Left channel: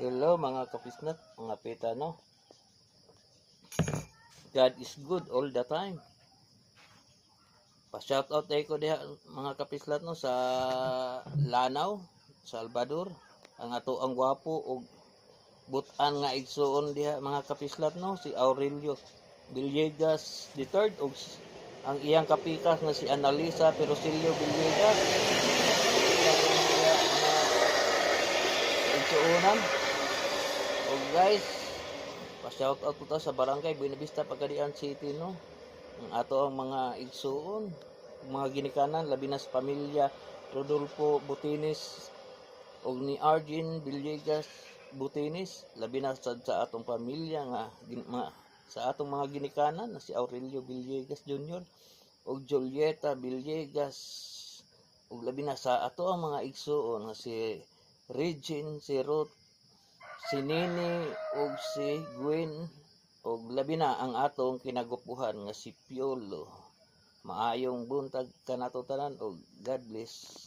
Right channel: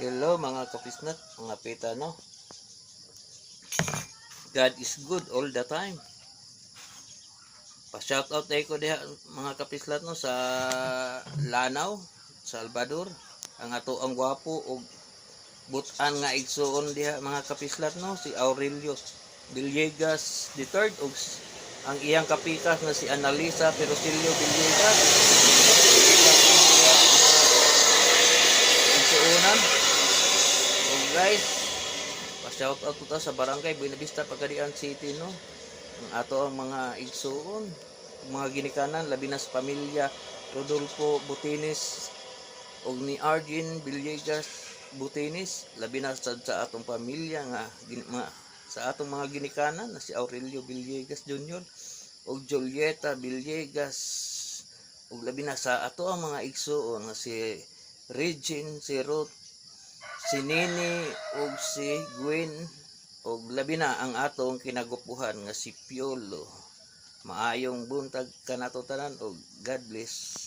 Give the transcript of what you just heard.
Hello mga kapisnat, mga pita no. God is good all the time. Pa-shoutout ko diha mga kapislat no sa Lanao, Salvador. Ang ato ang gwapo og butan nga igsuon diha mga kapislat no, si Aurelio Villegas III og ang iyang kapikas na si Analisa Perosilio Villegas. Igsuonan. Og guys, pa-shoutout po ta sa Barangay Buenavista, Pagadian City no. Ang ato ang mga igsuon, mga ginikanan labi na sa pamilya Rodolfo Butinis og ni Argin Villegas Butinis, labi na sa atong pamilya nga sa atong mga ginikanan na si Aurelio Villegas Jr. og Julieta Villegas, og labi na sa ato ang mga igsuon nga si Regine, si Ruth, si Nini og si Gwen, og labi na ang atong kinagupuhan nga si Piolo. Maayong buntag kanato tanan og God bless.